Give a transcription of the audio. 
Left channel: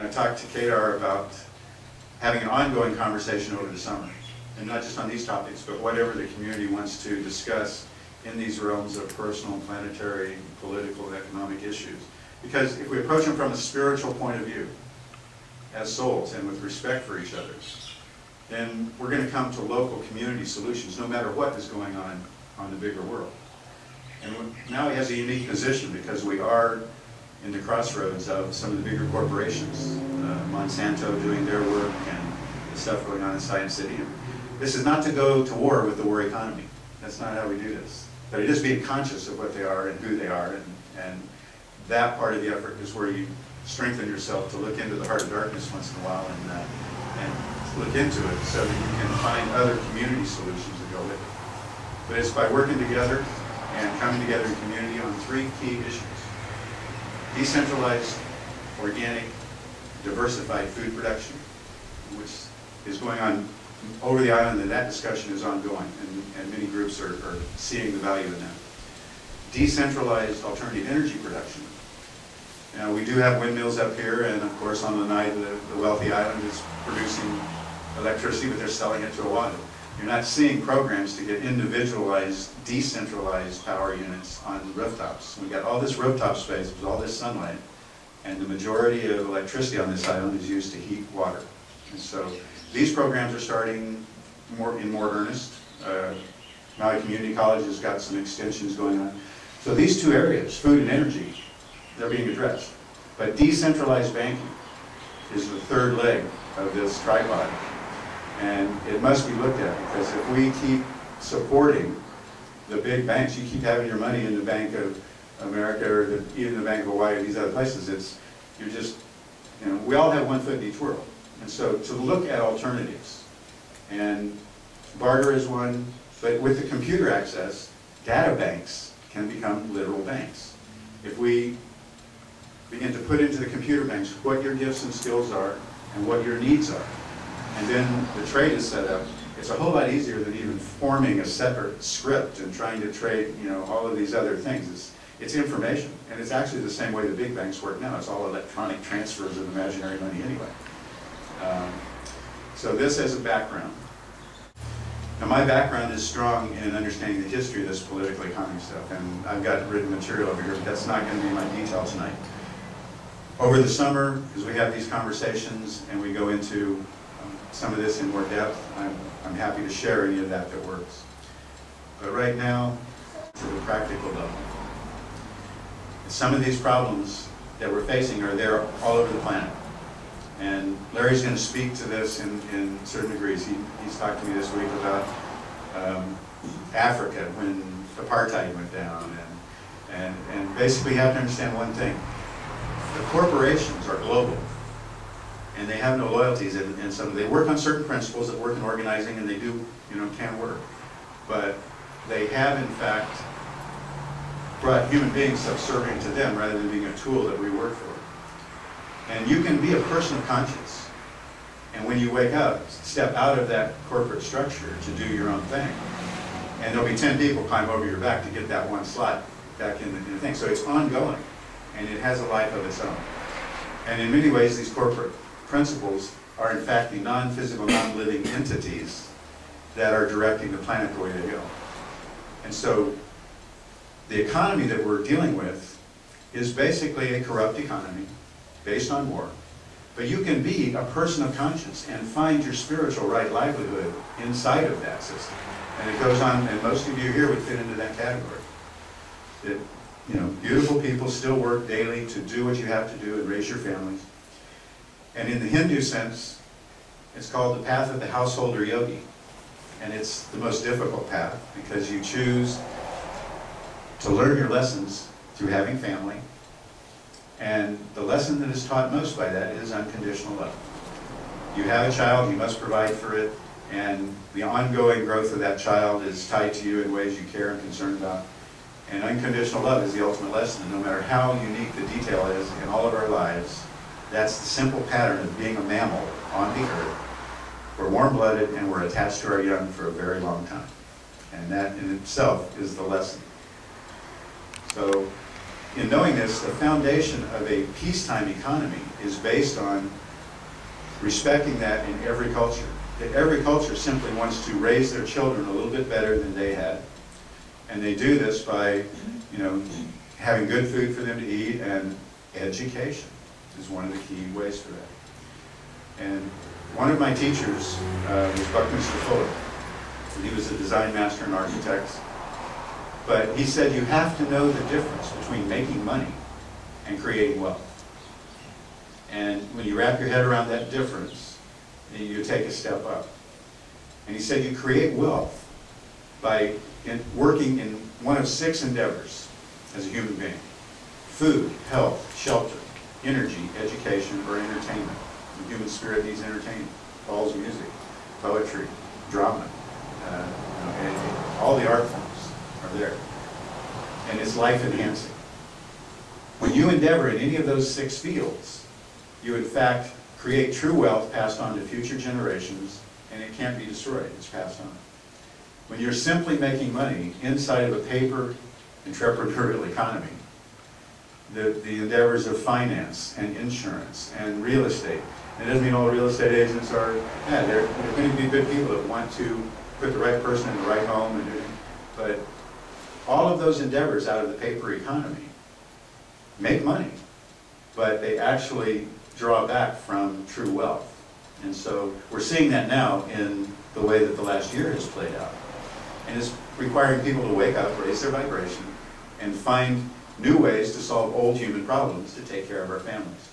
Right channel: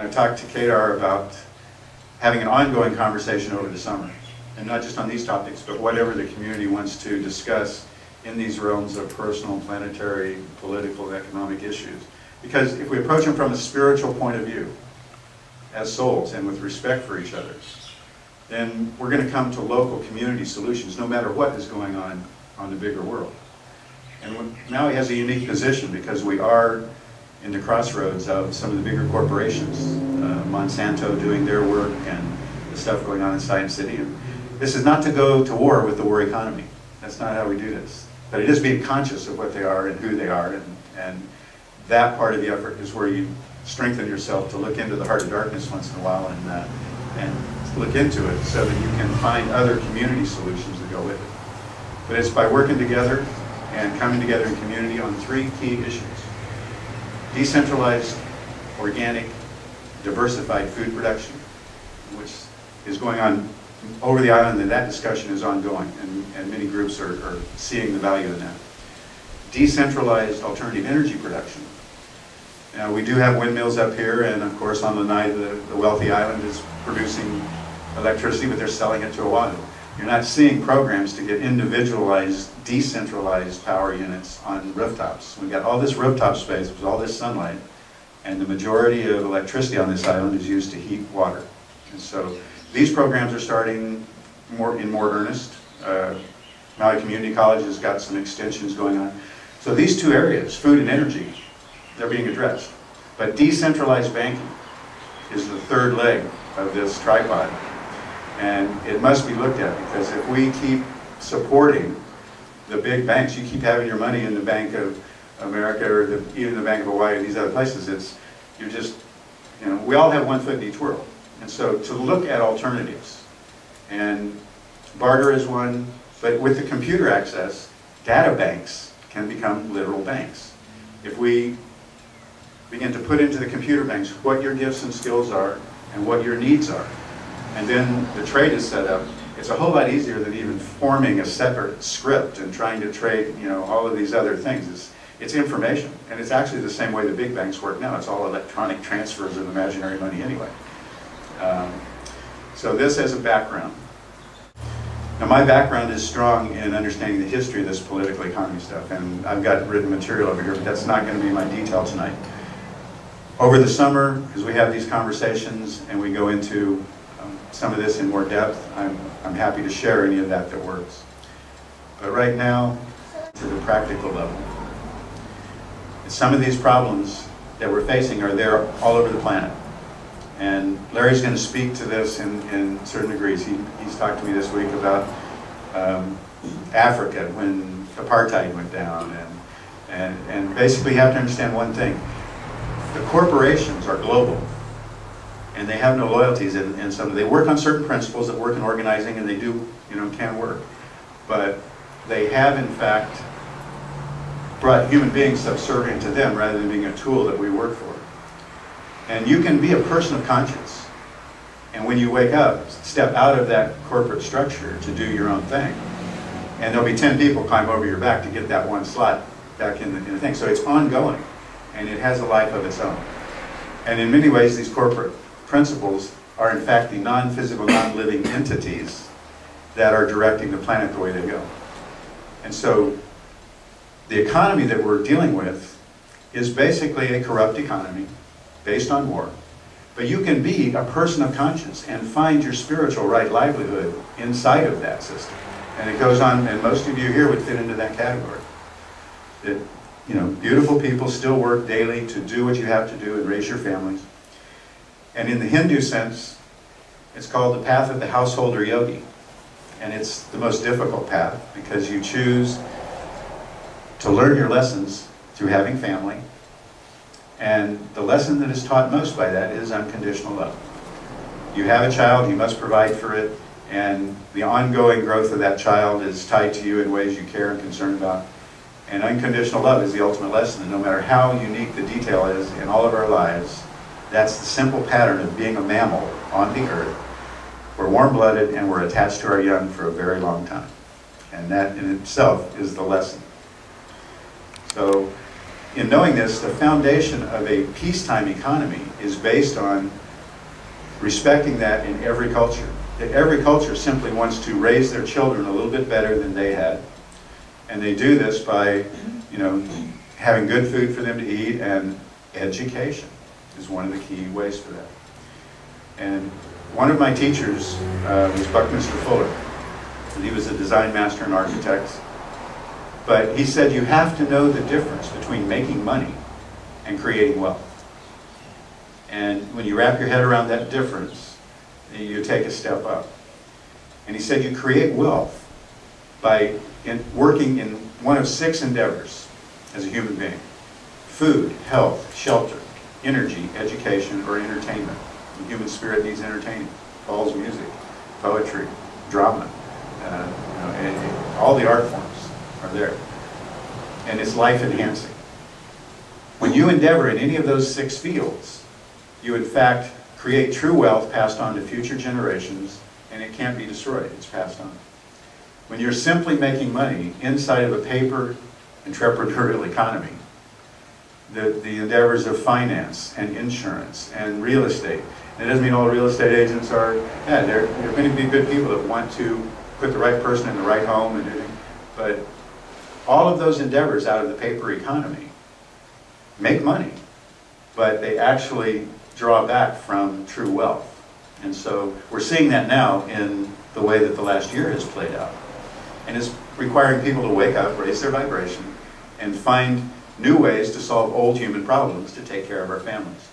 I talked to Kadar about having an ongoing conversation over the summer, and not just on these topics, but whatever the community wants to discuss in these realms of personal, planetary, political, economic issues. Because if we approach them from a spiritual point of view, as souls and with respect for each other, then we're going to come to local community solutions no matter what is going on the bigger world. And Maui has a unique position because we are in the crossroads of some of the bigger corporations, Monsanto doing their work and the stuff going on in Science City. And this is not to go to war with the war economy. That's not how we do this. But it is being conscious of what they are and who they are, and that part of the effort is where you strengthen yourself to look into the heart of darkness once in a while and look into it so that you can find other community solutions that go with it. But it's by working together and coming together in community on three key issues. Decentralized, organic, diversified food production, which is going on over the island, and that discussion is ongoing, and many groups are seeing the value in that. Decentralized alternative energy production. Now, we do have windmills up here, and of course on Lanai, the wealthy island is producing electricity, but they're selling it to Oahu. You're not seeing programs to get individualized, decentralized power units on rooftops. We've got all this rooftop space with all this sunlight, and the majority of electricity on this island is used to heat water. And so these programs are starting in more earnest. Maui Community College has got some extensions going on. So these two areas, food and energy, they're being addressed. But decentralized banking is the third leg of this tripod. And it must be looked at, because if we keep supporting the big banks, you keep having your money in the Bank of America or even the Bank of Hawaii or these other places, you're just, we all have one foot in each world. And so to look at alternatives, and barter is one, but with the computer access, data banks can become literal banks. If we begin to put into the computer banks what your gifts and skills are and what your needs are, and then the trade is set up, it's a whole lot easier than even forming a separate script and trying to trade, all of these other things. It's information, and it's actually the same way the big banks work now. It's all electronic transfers of imaginary money anyway. So this as a background. Now, my background is strong in understanding the history of this political economy stuff, and I've got written material over here, but that's not going to be my detail tonight. Over the summer, as we have these conversations and we go into some of this in more depth, I'm happy to share any of that works. But right now, to the practical level, some of these problems that we're facing are there all over the planet. And Larry's going to speak to this in certain degrees. He's talked to me this week about Africa when apartheid went down. And basically you have to understand one thing. The corporations are global. And they have no loyalties, and some they work on certain principles that work in organizing, and they do, can work. But they have, in fact, brought human beings subservient to them rather than being a tool that we work for. And you can be a person of conscience, and when you wake up, step out of that corporate structure to do your own thing. And there'll be 10 people climb over your back to get that one slot back in the thing. So it's ongoing, and it has a life of its own. And in many ways, these corporate principles are in fact the non-physical, non-living entities that are directing the planet the way they go. And so the economy that we're dealing with is basically a corrupt economy based on war. But you can be a person of conscience and find your spiritual right livelihood inside of that system. And it goes on, and most of you here would fit into that category. That, beautiful people still work daily to do what you have to do and raise your families. And in the Hindu sense, it's called the path of the householder yogi. And it's the most difficult path because you choose to learn your lessons through having family. And the lesson that is taught most by that is unconditional love. You have a child, you must provide for it, and the ongoing growth of that child is tied to you in ways you care and concern about. And unconditional love is the ultimate lesson, and no matter how unique the detail is in all of our lives, that's the simple pattern of being a mammal on the earth. We're warm-blooded and we're attached to our young for a very long time. And that in itself is the lesson. So in knowing this, the foundation of a peacetime economy is based on respecting that in every culture. That every culture simply wants to raise their children a little bit better than they had. And they do this by, having good food for them to eat, and education is one of the key ways for that. And one of my teachers was Buckminster Fuller. And he was a design master and architect. But he said you have to know the difference between making money and creating wealth. And when you wrap your head around that difference, you take a step up. And he said you create wealth by working in one of 6 endeavors as a human being: food, health, shelter, energy, education, or entertainment. The human spirit needs entertainment. Calls music, poetry, drama, and all the art forms are there. And it's life enhancing. When you endeavor in any of those 6 fields, you in fact create true wealth passed on to future generations, and it can't be destroyed, it's passed on. When you're simply making money inside of a paper entrepreneurial economy, the endeavors of finance and insurance and real estate, and it doesn't mean all real estate agents are bad. They're going to be good people that want to put the right person in the right home and everything. But all of those endeavors out of the paper economy make money, but they actually draw back from true wealth. And so we're seeing that now in the way that the last year has played out. And it's requiring people to wake up, raise their vibration, and find new ways to solve old human problems to take care of our families.